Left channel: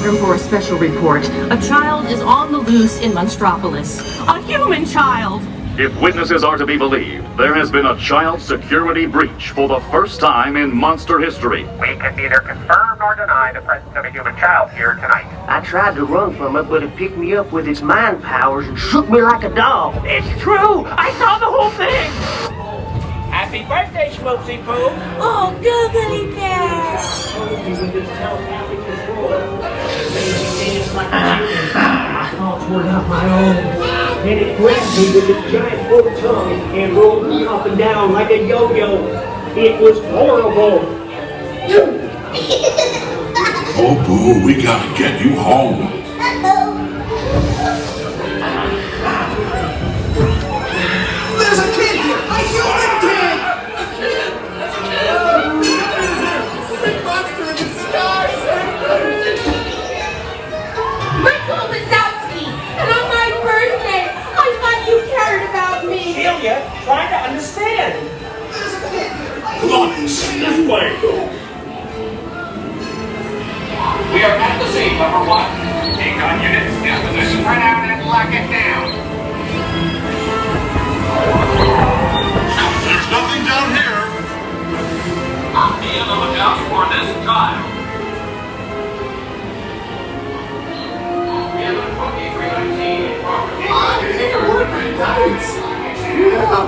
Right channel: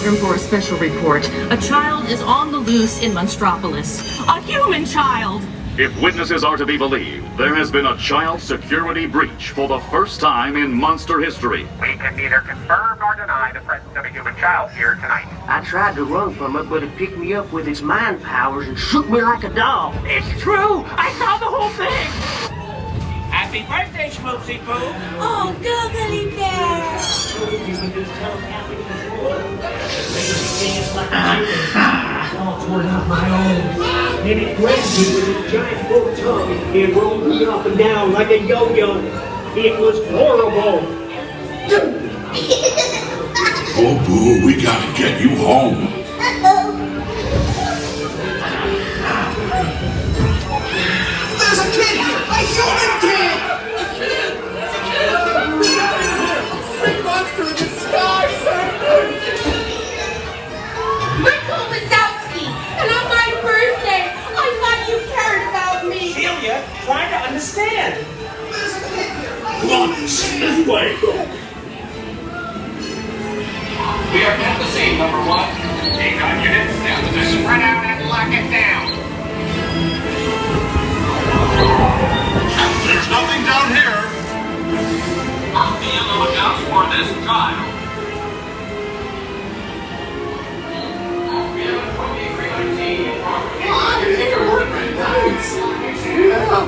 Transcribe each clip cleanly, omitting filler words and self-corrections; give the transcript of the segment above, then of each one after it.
program for a special report. A child is on the loose in Monstropolis. A human child! If witnesses are to be believed, there has been a child security breach for the first time in monster history. We can neither confirm nor deny the presence of a human child here tonight. I tried to run from it, but it picked me up with its mind powers and shook me like a dog. It's true! I saw the whole thing! Happy birthday, Schmoopsy Poo! Oh, Googly Bear! Then it grabbed me with its giant full tongue and rolled me up and down like a yo-yo. It was horrible. Oh, Boo, we gotta get you home. There's a kid here! I saw a kid! Sweet monster in the sky! Michael Wazowski! And on my birthday! I thought you cared about me! Celia, try to understand. There's a kid here! Come on, this way. We are at the scene, number one. Take on units, get to the spread out and lock it down. There's nothing down here. I'll be on the lookout for this child. I can hear working nights. Yeah,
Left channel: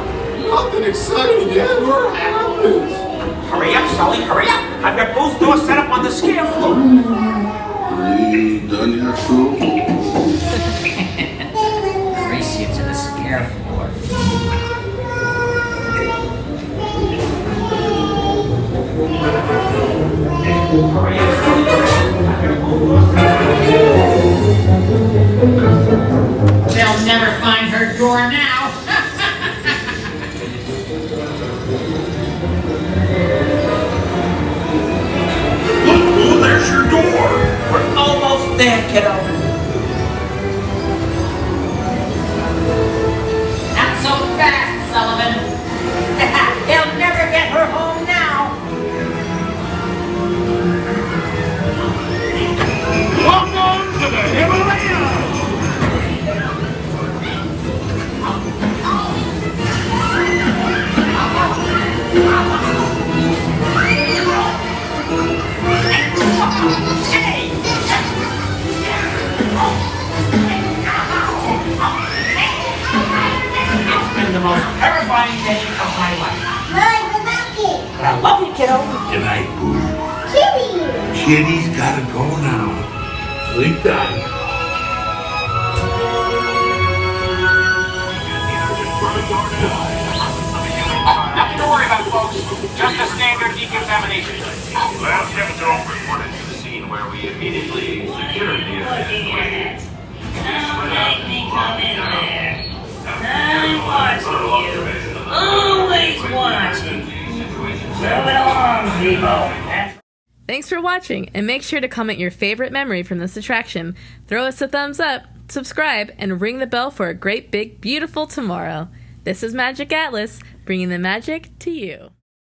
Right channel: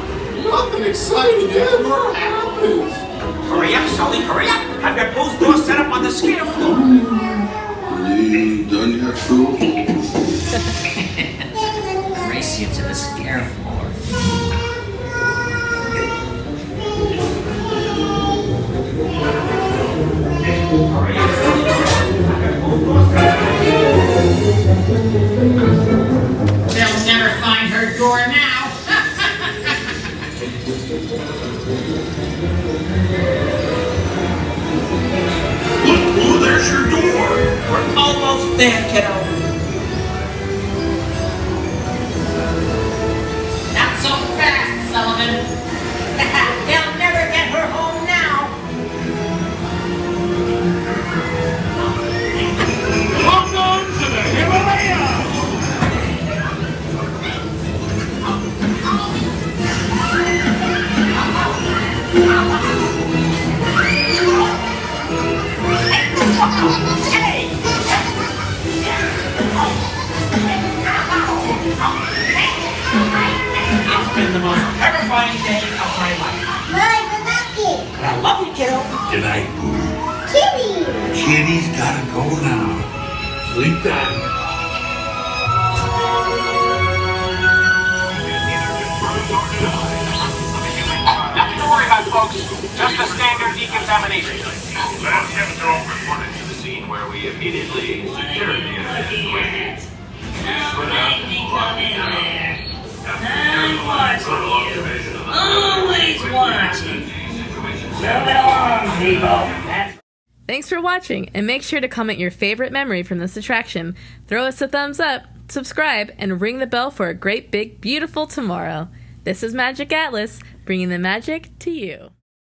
nothing exciting ever happens. Hurry up, Sully, hurry up! I've got both doors set up on the scare floor. Done yet, Boo? Race you to the scare floor. They'll never find her door now. Look, Boo, there's your door. We're almost there, kiddo. Not so fast, Sullivan. They'll never get her home now. Welcome to the Himalayas. Hey! It's been the most terrifying day of my life. Hi, Wazowski! But I love you, kiddo. Good night, Boo. Kitty! Kitty's gotta go now. Sleep tight. Nothing to worry about, folks. Just a standard decontamination. To the scene where we immediately secured the Always watching. Move it along, people. Thanks for watching, and make sure to comment your favorite memory from this attraction. Throw us a thumbs up, subscribe, and ring the bell for a great, big, beautiful tomorrow. This is Magiq Atlas, bringing the magic to you.